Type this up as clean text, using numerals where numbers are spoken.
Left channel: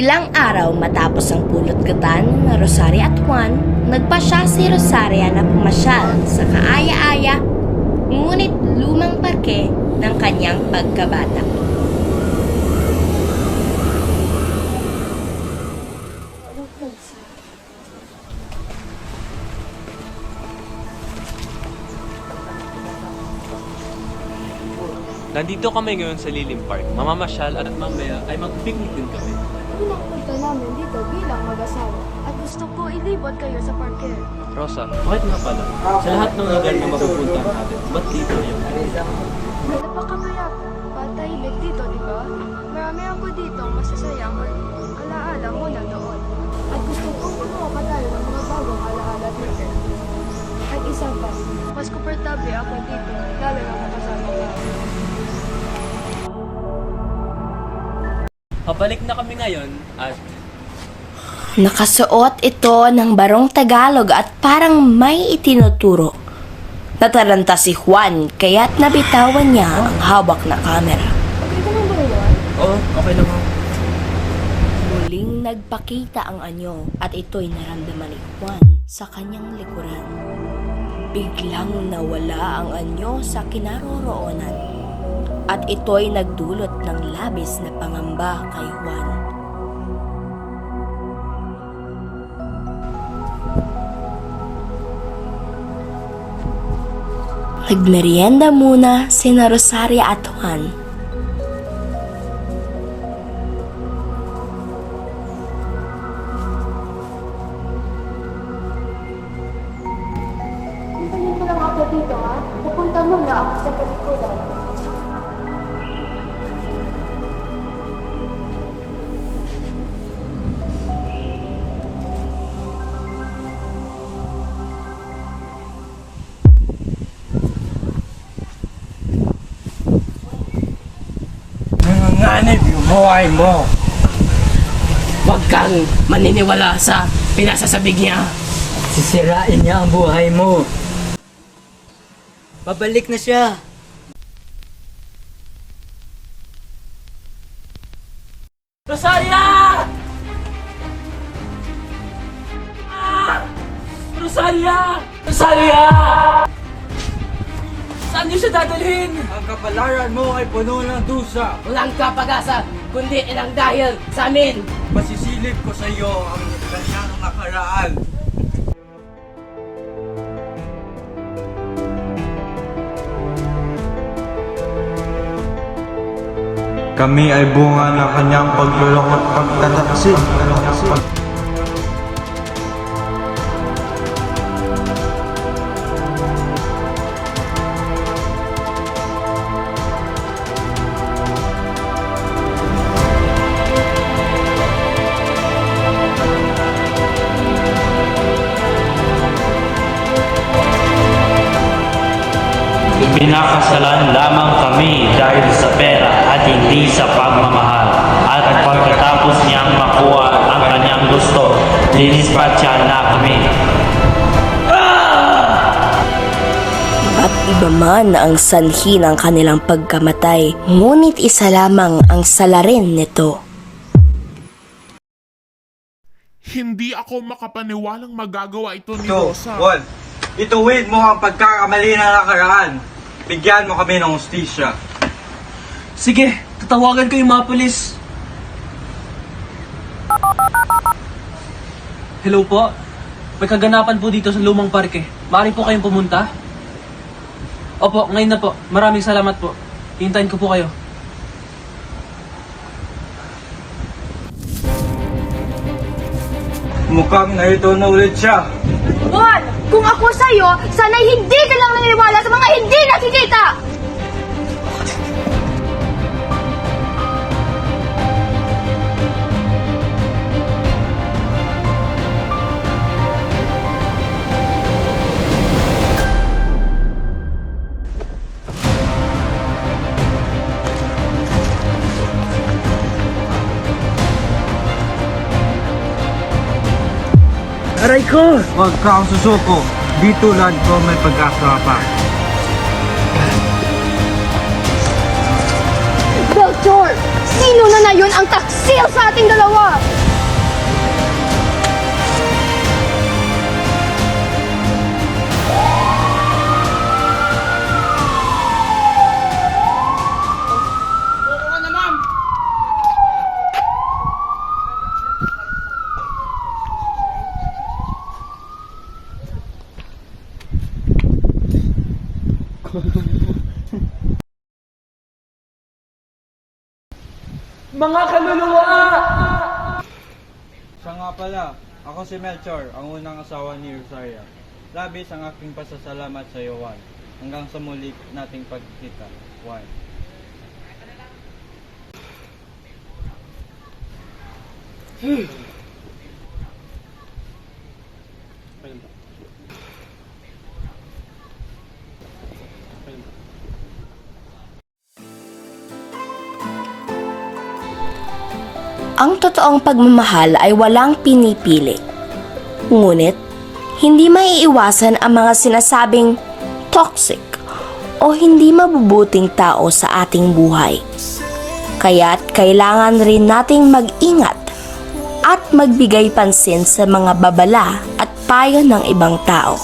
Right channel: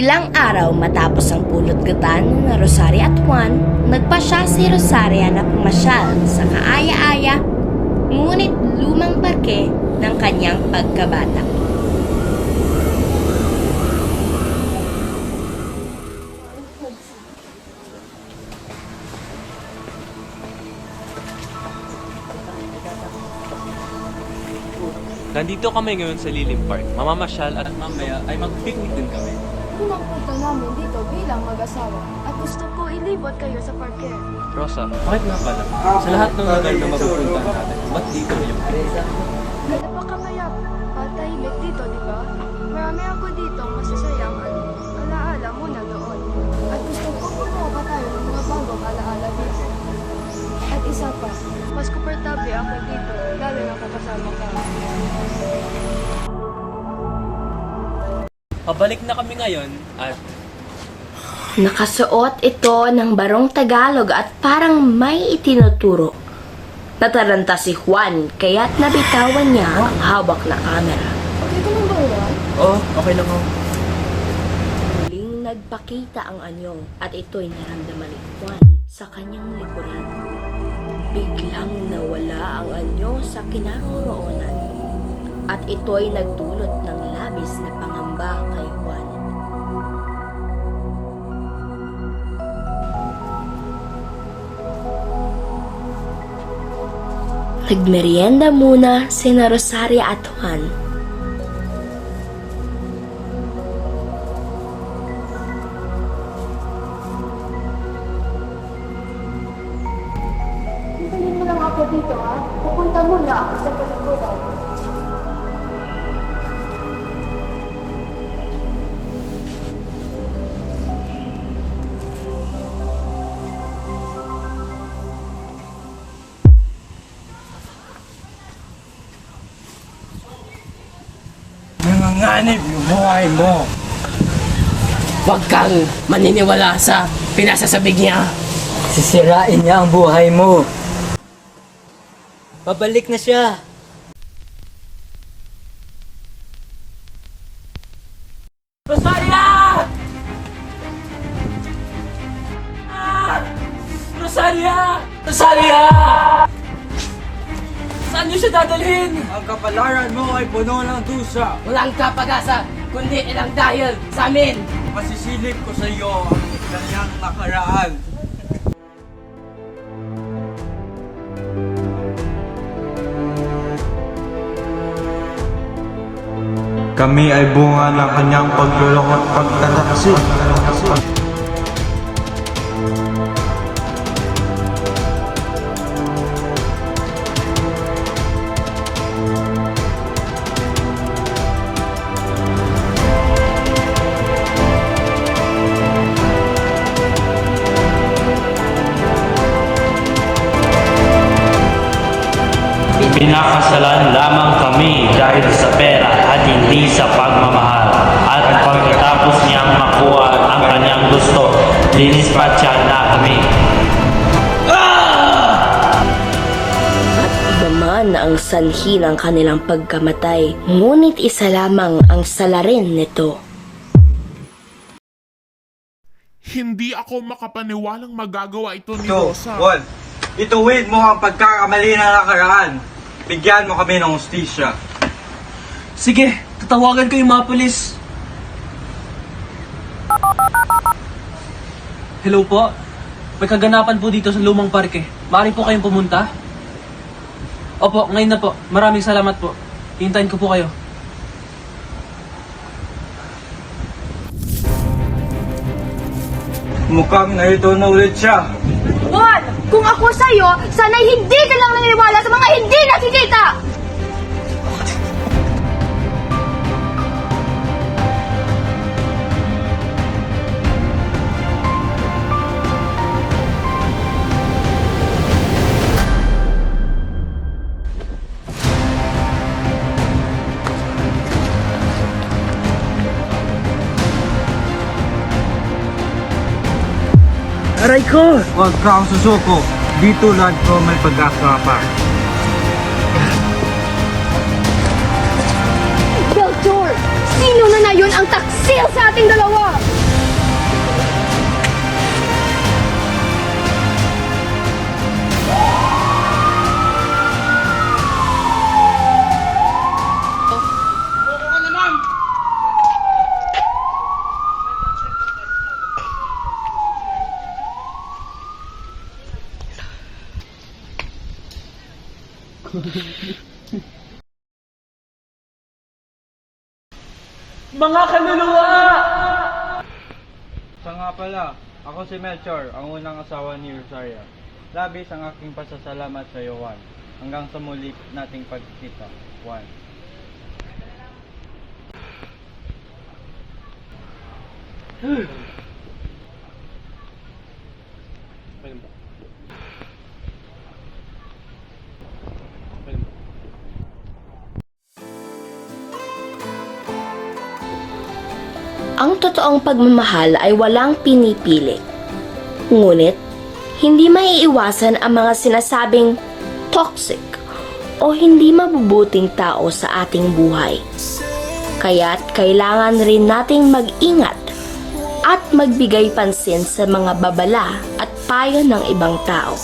Ilang araw matapos ang pulot-gatan na Rosaria at Juan, nagpasya si Rosaria na pumasyal sa kaaya-aya ngunit lumang parke ng kanyang pagkabata. Nandito kami ngayon sa Lilim Park. Mamamasyal at mamaya ay mag-picnic din kami. Unang punta namin dito bilang mag-asawa at gusto ko ilibot kayo sa parke. Rosa, bakit nga pala? Sa lahat ng lugar na mapupuntahan natin, ba't dito yung Napakapayap, patahimik dito, di ba? Marami ako dito masasayang alaala muna noon. At gusto kong gumawa pa tayo ng mga bagong alaala dito. At isa pa, mas komportable ako dito, lalo na kasama ka. Pabalik na kami ngayon at Nakasuot ito ng barong Tagalog at parang may itinuturo. Nataranta si Juan kaya't nabitawan niya ang hawak na kamera. Okay ka lang ba, Juan? Oo, okay lang ako. Muling nagpakita ang anyo at ito'y naramdaman ni Juan sa kanyang likuran. Biglang nawala ang anyo sa kinaroroonan at ito'y nagdulot ng labis na pangamba kay Juan. Nagmerienda muna sina Rosaria at Juan. Hintayin mo lang ako dito, ha? Pupunta muna ako sa palikuran. Nanganganib yung buhay mo. Huwag kang maniniwala sa pinasasabig niya. Sisirain niya ang buhay mo. Pabalik na siya. Rosaria! Rosaria! Rosaria! Saan niyo siya dadalhin? Ang kapalaran mo ay puno ng dusa. Walang kapag-asa, kundi ilang dahil sa amin. Masisilip ko sa iyo ang kanyang nakaraan. Kami ay bunga ng kanyang paglulong at pagtataksil. Pinakasalan lamang kami dahil sa pera at hindi sa pagmamahal. At pagkatapos niyang makuha ang kanyang gusto, dinispatcha na kami. Ba't iba man ang sanhi ng kanilang pagkamatay, ngunit isa lamang ang salarin nito. Hindi ako makapaniwalang magagawa ito ni Ito, Rosa. Juan. Ituwid mo ang pagkakamali na nakaraan. Bigyan mo kami ng hustisya. Sige, tatawagan ko yung mga pulis. Hello po. May kaganapan po dito sa lumang parke. Maaari po kayong pumunta? Opo, ngayon na po. Maraming salamat po. Hintayin ko po kayo. Mukhang narito na ulit siya. Juan, kung ako sa'yo, sana'y hindi ka lang naniniwala sa mga hindi nakikita! Aray ko! Huwag kang susuko. Di tulad ko may pag-asa pa. Belchor! Sino na yun ang taksil sa ating dalawa? Mga kaluluwa! Siya nga pala, ako si Melchor, ang unang asawa ni Rosaria. Labis ang aking pasasalamat sa iyo, Juan. Hanggang sa muli nating pagkikita, Juan. Ang totoong pagmamahal ay walang pinipili. Ngunit, hindi maiiwasan ang mga sinasabing toxic o hindi mabubuting tao sa ating buhay. Kaya't kailangan rin nating mag-ingat at magbigay pansin sa mga babala at payo ng ibang tao.